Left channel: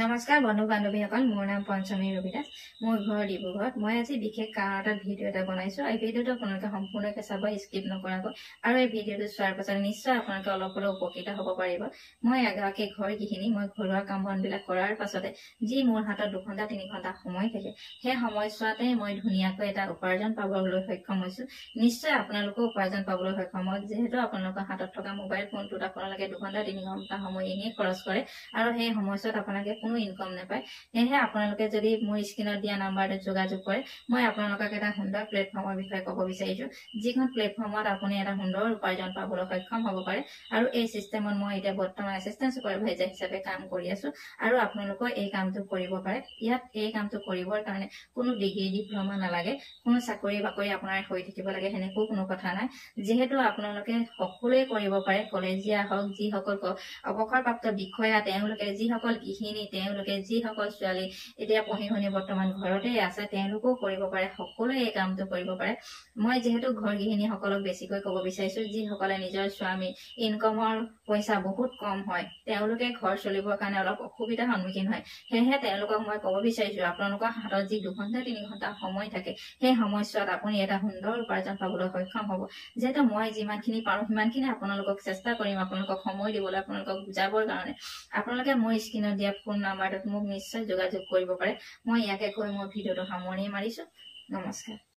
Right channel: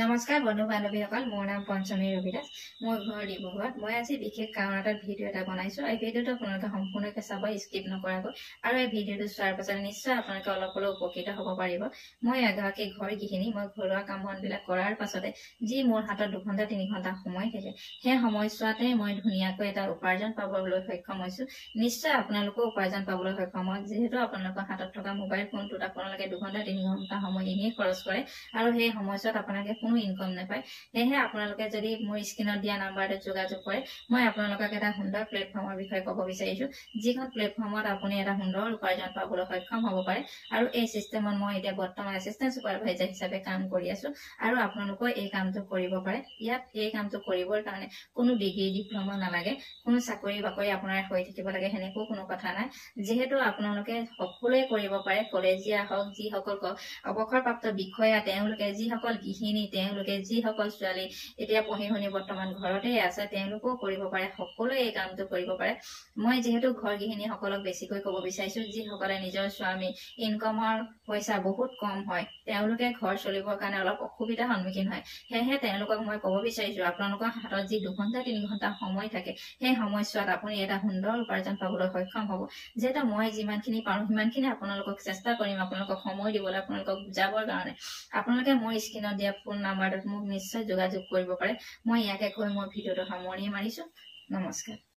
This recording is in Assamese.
নমস্কাৰ বন্ধু বান্ধৱীসকল, মোৰ নাম পঞ্চমী ৰবিদাস। মোৰ ঘৰ ডিব্ৰুগড়ত। মই আজি বিশেষ কাৰণ এটা ভিডিঅ' এটা বনাইছো। এই ভিডিঅ'টো আপোনালোকে সম্পূৰ্ণকৈ চাব, স্কিপ নকৰাকৈ। আৰু এই ভিডিঅ'টো চোৱাৰ পাছত নিশ্চয় আপোনালোকে অলপ হ'লেও উপকৃত হ'ব পাৰিব। মই এগৰাকী ঘৰ গৃহিণী। মই ঘৰুৱা কাম বনবিলাক কৰাৰ পাছতে যি মোৰ হাতত 2 ঘণ্টা 3 ঘণ্টা সময় থাকে, সেই সময়ছোৱাতে মই ধুনীয়াকৈ এটা উপাৰ্জন পাবলৈ সক্ষম হৈছো। নিশ্চয় আপোনালোকেও উপাৰ্জন পাবলৈ সক্ষম হয়। যিহেতু আপোনালোকৰ হাতত থকা মোবাইল ফোনটোত আপোনালোকে 2 ঘণ্টা 3 ঘণ্টা সময় এনেই খৰচ কৰে আৰু সেই সময়ছোৱাত আপোনালোকে কোনো ইনকম নাপায়। সেয়েহে আপোনালোকে যদি মোৰ স্ক্ৰীনত দিয়া নাম্বাৰটোত যোগাযোগ কৰে, মই আপোনালোকক এটা সুন্দৰ প্লেটফৰ্মৰ বিষয়ে ক'ব বিচাৰিছো, যিখন প্লেটফৰ্মত আপুনি এটা সুন্দৰ উপাৰ্জন পাবলৈ সক্ষম হ'ব পাৰে। আৰু এই চিষ্টেমত মই এতিয়া বৰ্তমান এচিষ্টেণ্ট ছুপাৰভাইজাৰ হিচাপে কাম কৰি আছো। আৰু আপোনালোকৰ এই কামটো কৰিব পাৰে। ইয়াত এই কামটো কৰিবৰ কাৰণে কোনো ডিগ্ৰী ডিপ্ল'মা নালাগে, কোনো চাকৰি বাকৰি আপোনাৰ হৈ থাকিব লাগে সেনেকৈ কোনো কথা নাই। যিহেতু আপোনালোকে সকলোৱে কৰিব পাৰে, কলেজীয়া হওক, যিসকল অৱসৰপ্ৰাপ্ত বিষয়া, তেওঁলোকে যিসকল গৃহিণী, তেওঁলোকে যিসকল ছোৱালী এতিয়া পঢ়ি শুনি বৰ্তমান ঘৰতে আছে, তেওঁলোকেও কৰিব পাৰে। সকলোৱে এই কামটো কৰিব পাৰে। মই যিহেতু ঘৰ গৃহিণীসকলক বেছিকৈ ক'ব বিচাৰিছো, যিসকলে নিজৰ স্বামী ইনকমৰ পইচা বহুত কম হয়, তেওঁলোকে ঘৰ চলিবৰ কাৰণে অলপ অসুবিধাৰ সন্মুখীন হয়। সেয়েহে তেওঁলোকক মই ক'ব বিচাৰিছো, আপোনালোকৰ হাতত যি 2 ঘণ্টা 3 ঘণ্টা সময় থাকে, সেই সময়ছোৱাত আপুনি এটা সুন্দৰ উপাৰ্জন পাবলৈ সক্ষম হ'ব। যিহেতু মই যিমানখিনি পাৰো সিমানখিনি আপোনালোকক চেষ্টা কৰিম, আপোনালোকক সময় দিবলৈ, আপোনালোকক বুজাবৰ কাৰণে। আপোনালোকে মোৰ স্ক্ৰীনত দিয়া ফোন নাম্বাৰটোত মোক নিশ্চয় যোগাযোগ কৰিব পাৰে। মই ইয়াকে কৈ মোৰ ভিডিঅ'টো সামৰণি মাৰিছো। নমস্কাৰ।